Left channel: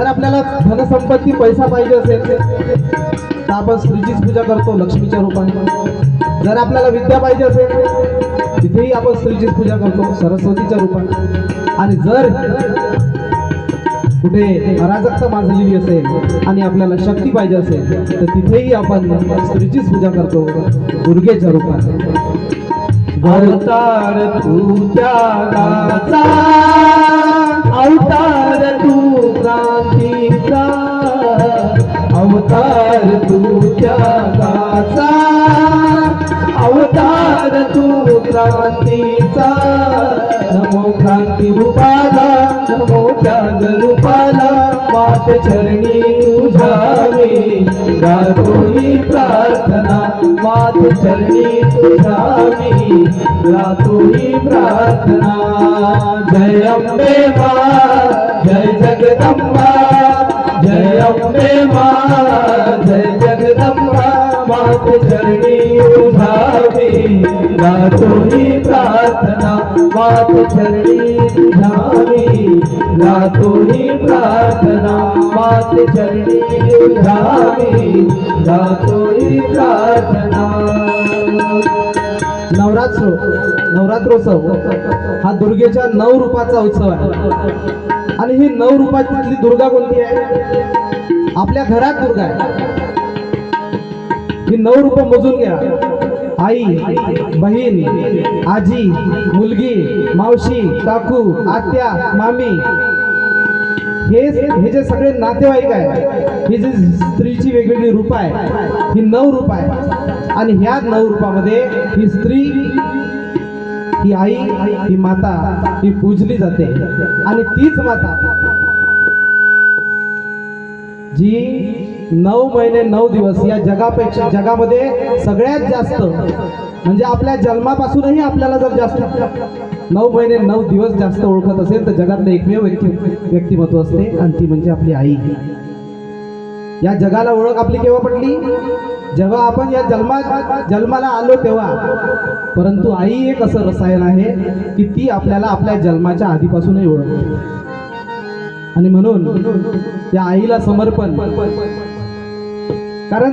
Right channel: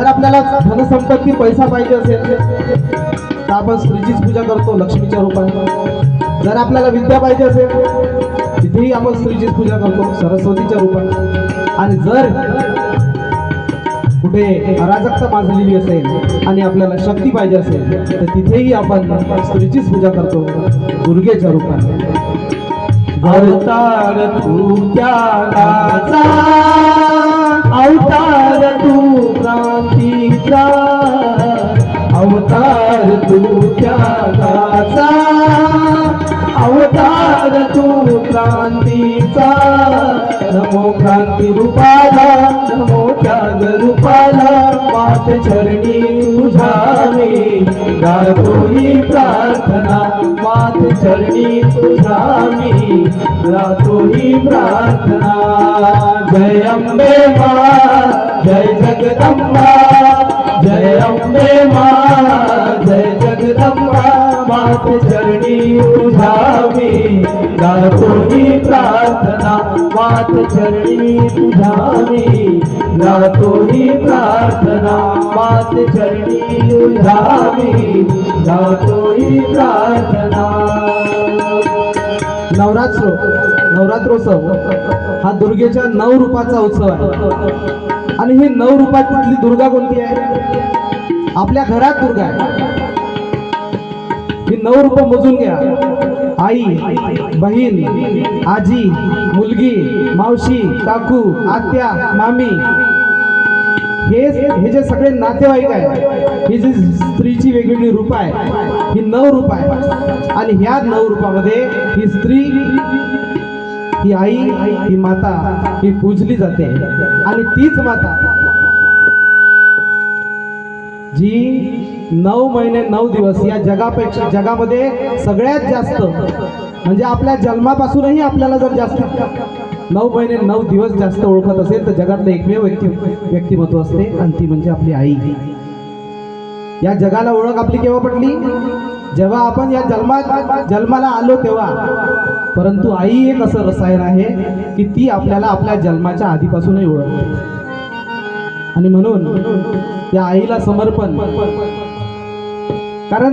जर आपल्याला धनसंपत्ती पैसा पाहिजे असेल तर आपण स्त्रीचीच पूजा करतो लक्ष्मीच्या रूपाने. जर आपल्याला विद्या पाहिजे असेल तिथेही आपण स्त्रीचीच पूजा करतो सरस्वतीच्या रूपाने. आणि जर कुठे अराजकता माजलेली असेल आणि आपल्याला शक्ती पाहिजे असेल तर तिथेही आपण स्त्रीचीच पूजा करतो दुर्गेच्या रूपाने. अवतार तू त्यागाचा, अवतार तू क्रांतीचा, अवतार तू त्यागाचा, अवतार तू क्रांतीचा. नमो क्रांती रूपाला, नमो त्याग रूपाला, मात चरणी तुझ्या मी गातो ही प्रार्थना, मात चरणी तुझ्या मी गातो ही प्रार्थना. जय अंबे मां, जय जगदंबा, जय अंबे मां, जय जगदंबा, मात चरणी तुझ्या मी गातो ही प्रार्थना, मात चरणी तुझ्या मी गातो ही प्रार्थना, मात चरणी तुझ्या मी गातो ही प्रार्थना. नवरात्रोत्सव हा दुर्गेच्या 9 रूपाचा उत्सव आहे. आणि ही 9 रूपातली दुर्गा कोणती आहे? आपल्या घरात दुर्गा आहे. ही 9 रूप मोजून घ्या. आई, बहीण, आजी, मुलगी, मावशी, काकू, आत्या, मामी, हे जे सगळे नातेवाईक आहे, ही जी स्त्रीची वेगवेगळी रूप आहे, ही 9 रूप आहे. आणि ह्या 9 रूपामध्ये ही स्त्री, ही आई, ही माता, ही पूजली जाते. आणि तीच माता जी 9 महिने 9 दिवस या जगामध्ये सगळ्यात जास्त, म्हणजे आपल्या जन्मापासूनही आपल्याला जर जास्त 9 महिने 9 दिवस जास्त ओळखत असेल तर जगातलं एकमेव व्यक्तिमत्व असते आणि ती म्हणजे आपली आई. या जगाला ओळख आपली केव्हा पडली? जेव्हा आपण या जन्माला आलो तेव्हा. परंतु आई एक असं रसायन आहे की ती आपल्याला आपल्या जन्माच्या आधीपासूनही ओळखते. आणि म्हणून या आईला समर्पण, कारण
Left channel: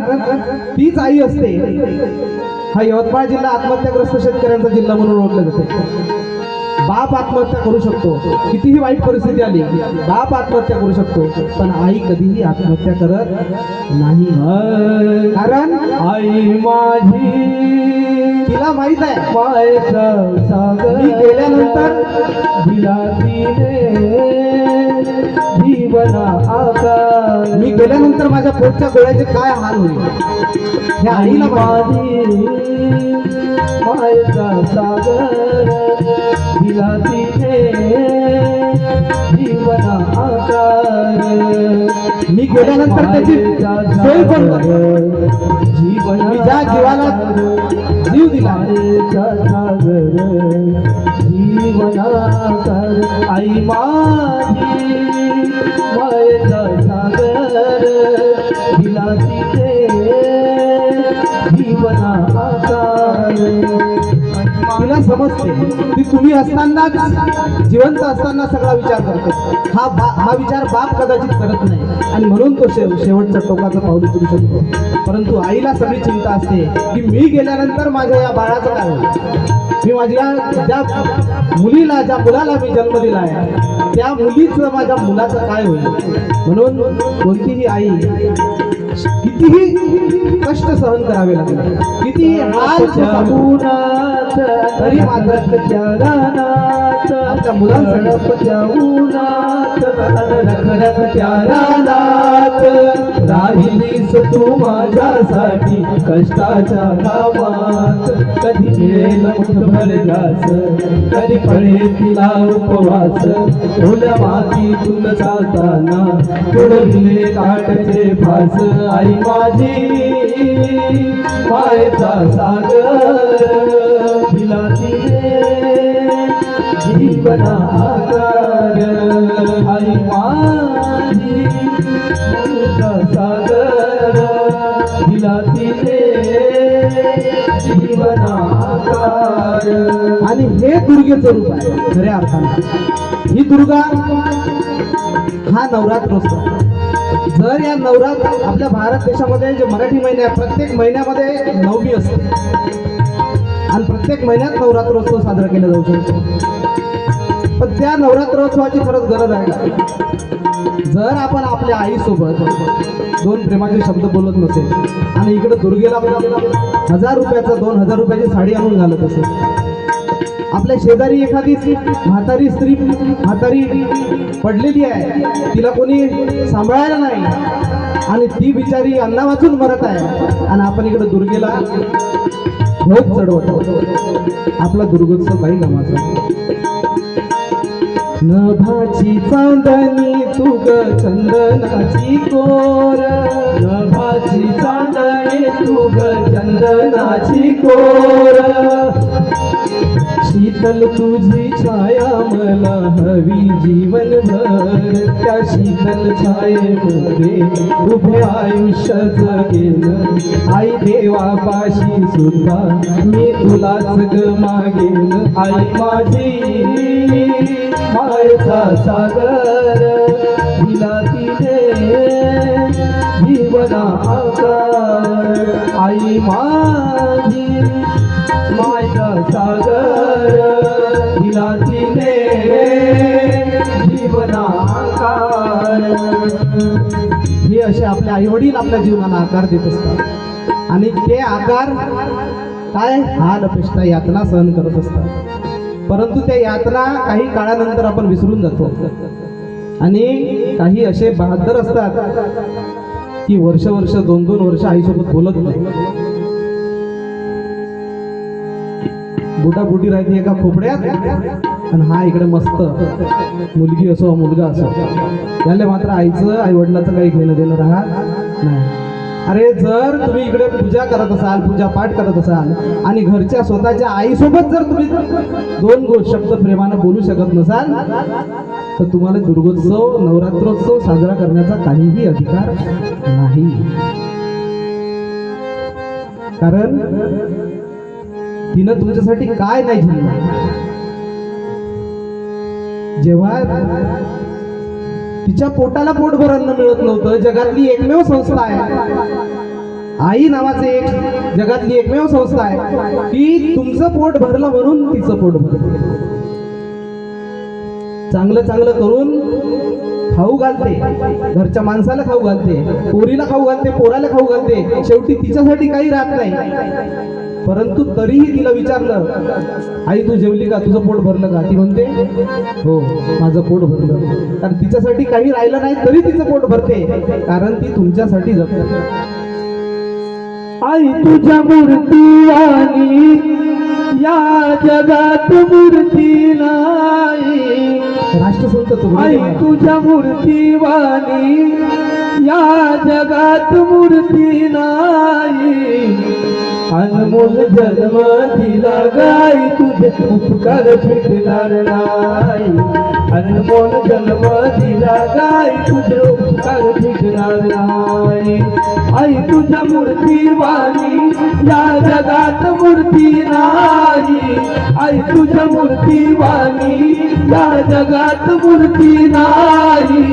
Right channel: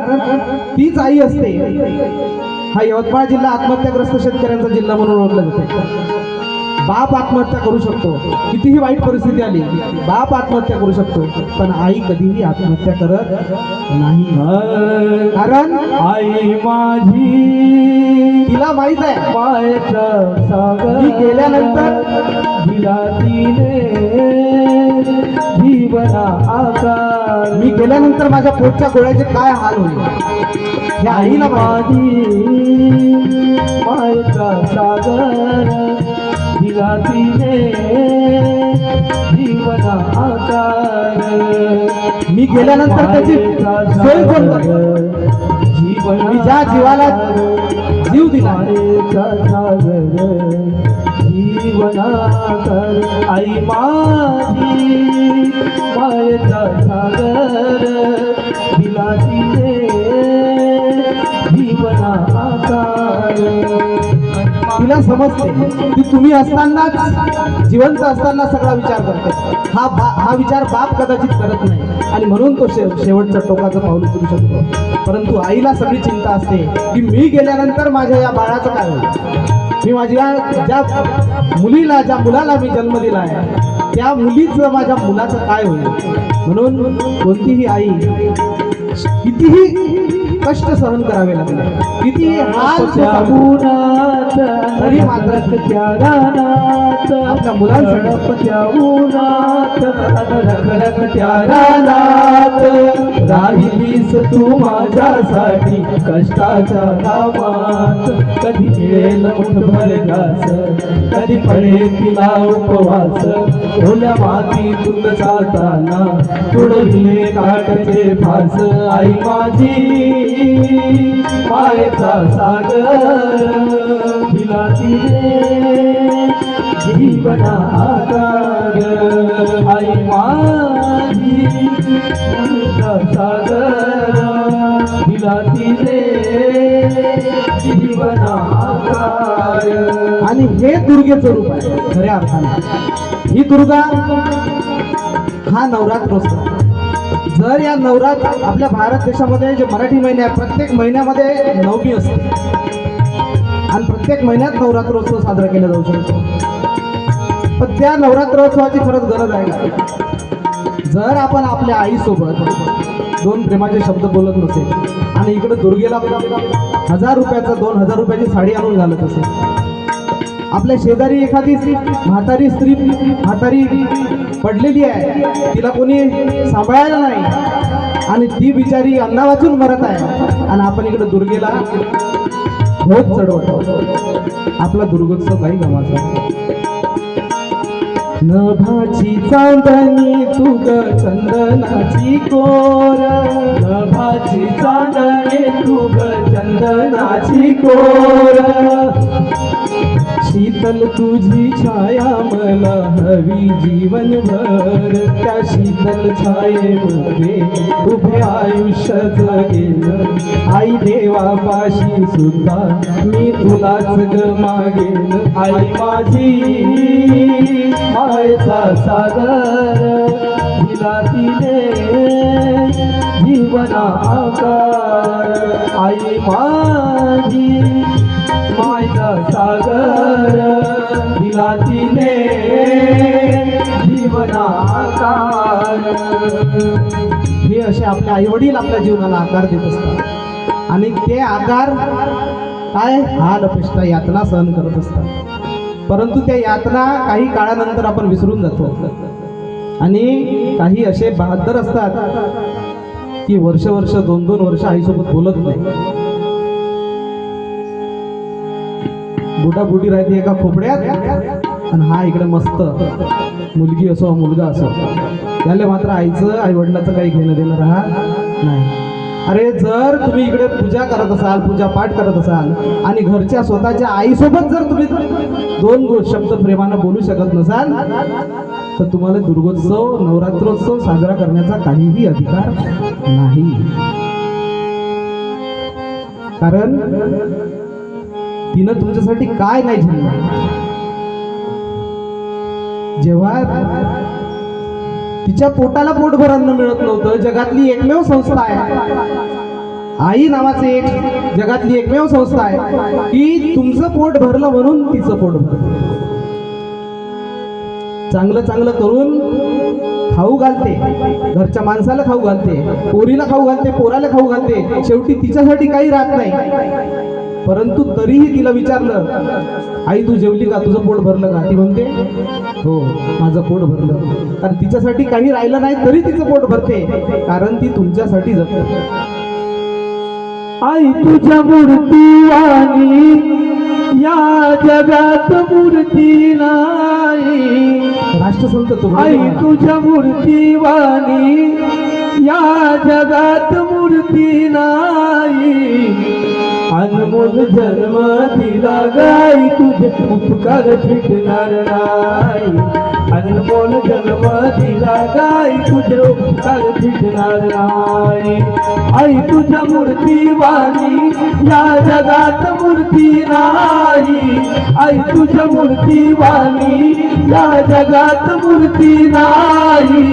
तीच आई असते. हा यवतमाळ जिल्हा आत्महत्याग्रस्त शेतकऱ्यांचा जिल्हा म्हणून ओळखला जातो. बाप आत्महत्या करू शकतो, कितीही वाईट परिस्थिती आली बाप आत्महत्या करू शकतो, पण आई कधीही आत्महत्या करत नाही. कारण आई माझी, तिला माहित आहे मायेचा सागर मी गेल्यानंतर दिला तिने जीवना आकार, मी गेल्यानंतर माझ्या पोटच्या गोळ्याचे काय हाल होईल हे आईला माझी मायेचा सागर दिला तिने जीवना आकार. मी गेल्यानंतर त्याची सोय कोण करेल? जीवन मी ज्या जीवाला जीव दिला सागर जीवनाकर. आई माझी मायेचा सागर दिला तिने जीवना आकार. तिला समजते ती तुम्ही असतानाच, जिवंत असताना सगळा विचार करते. हा विचार बाप कदाचित करत नाही आणि म्हणून तो शेवटचं टोकाचं पाऊल उचलू शकतो. परंतु आईला सगळी चिंता असते की मी गेल्यानंतर माझ्या या बाळाचं काय होईल, मी माझ्या ज्या मुलीला, ज्या मुलाला मी जन्म दिला आहे त्या मुलीचं, माझ्या मुलाचं काय होईल. म्हणून कोणतीही आई कितीही कष्ट सहन करावे लागले, कितीही हाल तरी मात्र त्या रानात आपल्या मुलांसाठी त्या उन्हात रखरख त्या रानात राहिलीस तू माझ्यासाठी कष्टाच्या कामात. कधी मिळेल मुठभर घास, कधी पडेल तिला उपवास, ओल्या मातीतून चालताना तुडवले काटचे फास. आई माझी मायेचा सागर दिला तिने जीवना आकार. आई माझी मायेचा सागर दिला तिने जीवना आकार. आणि हे दुर्गेचं रूप आहे खऱ्या अर्थाने. ही दुर्गा हा नवरात्रोत्सव. जर या नवरात्र आपल्या भारत देशामध्ये जे मराठी महिने आहे प्रत्येक महिन्यामध्ये नवमी असते आणि प्रत्येक महिन्यात नवरात्रोत्सव साजरा केला जाऊ शकतो. पण त्या नवरात्रोत्सवाची खरंच गरज आहे का? जर आपण आपल्या आईसोबत दोन प्रेमाचे शब्द बोलत नसेल आणि इकडे दुर्गेला 1000 रुपयाचा 2000 रुपयाची साडी आणून घालत असेल, आपल्या शेजारी एखादी म्हातारी पडलेली आहे, तिला कोणी सांभाळायला नाही आणि ती बिचारी अन्ना वाचून मरत आहे आणि आपण इकडे दुर्गेला भोग चढवतो, आपला दुर्गोत्सव काही गमाचा. नभाची चांदणी तू ग चंदनाची कोर, नभाची चांदणे तू ग चंदनाची कोर, शीतल तुझी छाया मला हवी जीवनभर, त्या शीतल छायेमध्ये उभे आयुष्य जगेन, आई देवापाशी सुद्धा मी तुलाच ग मागेन. आई माझी मायेचा सागर, दिला तिने जीवना आकार, आई माझी मायेचा सागर, दिला तिने जीवना आकार. हे असे आपले आई वडील आपल्या जीवनाला आकार देत असतात आणि ते आकार काय हाल अपेष्टा यातना सहन करत असतात. परंतु त्या यातना काही काळानंतर आपण विसरून जातो आणि काही असे बहादर असतात की वर्ष 2-2 वर्ष आईसोबत बोलत नाही. बुडी राहते एका खोपड्यात आणि हा इकडे मस्त, मुलगी असो मुलगा असो, त्याला मात्र आईचं आई वडिलाचं काही घेणं देणं राहत नाही. अरे जर तुम्ही इकडे पूजा करत असाल, पूजा पाठ करत असाल आणि घरच्या स्वतःच्या आईसोबत जर तुम्ही 2 शब्द प्रेमानं बोलू शकत नसाल तर तुम्हाला दुर्गोत्सव नवरात्रोत्सव साजरा करण्याचा काहीही अधिकार नाही. कारण तिनं तुमच्यासाठी काय नाही झेललं. जेव्हा तिच्या पोटाला पोटभर अन्न मिळत नव्हतं, जगातली एकमेव संस्था आहे आई नावाचे एक जगातली एकमेव संस्था आहे की तुमचं पोट भरलं म्हणून तिचं पोट भरलं. चांगलं चांगलं करून खाऊ घालते, घरच्या माणसाला खाऊ घालते, पोरीला खाऊ घालते, पोराला खाऊ घालते, शेवटी तिच्यासाठी काही राहत नाही. परंतु तरीही तिला विचारलं, आई तू जेवली का, तुझं पोट भरलं का? ती म्हणते हो माझं पोट भरलं. कारण तिच्यासाठी काही राहिलं नाही तरी तिचं पोट भरते, कारण ती तुमच्यासाठी जगते. आई तुझ्या मूर्ती आणि या जगात मूर्ती नाही, राष्ट्रसंत आई तुझ्या मूर्ती वाणी या जगात मूर्ती नाही, अनमोल जन्म दिला गाई तुझे उपकार फिटणार नाही, अनमोल जन्म दिला गाई तुझे उपकार फिटणार नाही. आई तुझ्या मूर्ती वाणी या जगात मूर्ती नाही, आई तुझ्या मूर्ती वाणी या जगात मूर्ती नाही,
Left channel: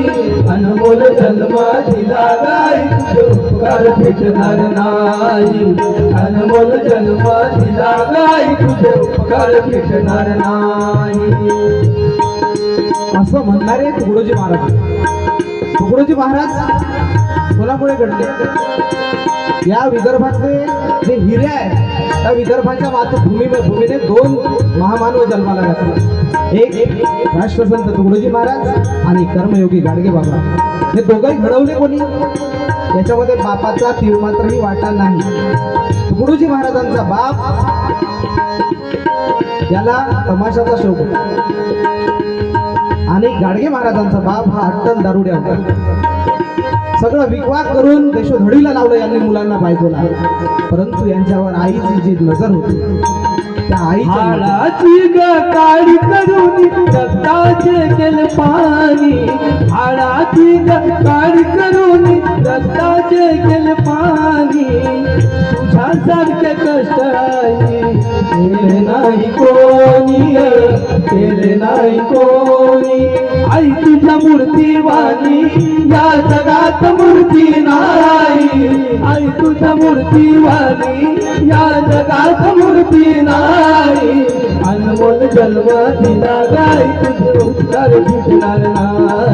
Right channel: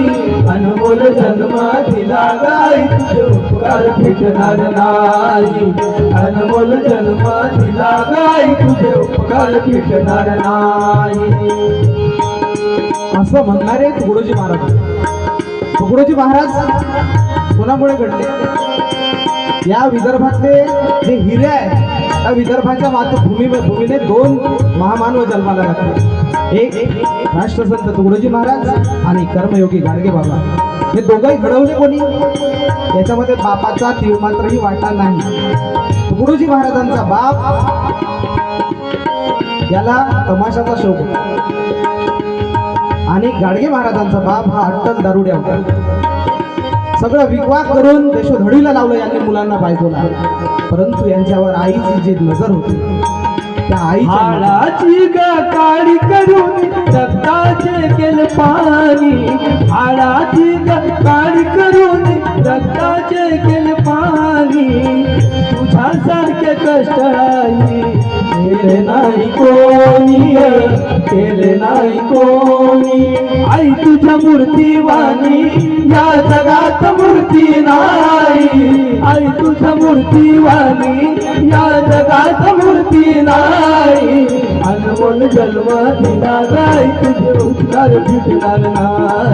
अनमोल जन्म दिला गाई तुझे उपकार फिटणार नाही, अनमोल जन्म दिला गाई तुझे उपकार फिटणार नाही. असं म्हणणारे तुकडोजी महाराज. तुकडोजी महाराज कोणामुळे घडले? या विदर्भातले जे हिरे आहे त्या विदर्भाच्या मातृभूमीने 2 महामानव जन्माला घातले. एक राष्ट्रसंत तुकडोजी महाराज आणि कर्मयोगी गाडगे बाबा. हे दोघंही घडवले कोणी? याच्यामध्ये बापाचा तीळमात्रही वाटा नाही. तुकडोजी महाराजांचा बाप याला तमाशाचा शौक होता आणि गाडगे महाराजांचा बाप हा अट्टल दारुड्या होता. सगळं विकवाक करून देशोधडीला लावलं यांनी मुलांना बायकोला. परंतु यांच्यावर आईची जी नजर होती त्या हाडाची काळी करून रक्ताचे केले पाणी, हाडाची काळी करून रक्ताचे केले पाणी, तुझ्यासारखे कष्ट आई नाही कोणी, केले नाही कोणी आई तुझ्या मूर्तीवाणी या जगात मूर्ती नाही आई तुझ्या मूर्तीवाणी या जगात मूर्ती नाही अनमोल जन्म दिला गाय तुझे उद्धार भेटणार नाही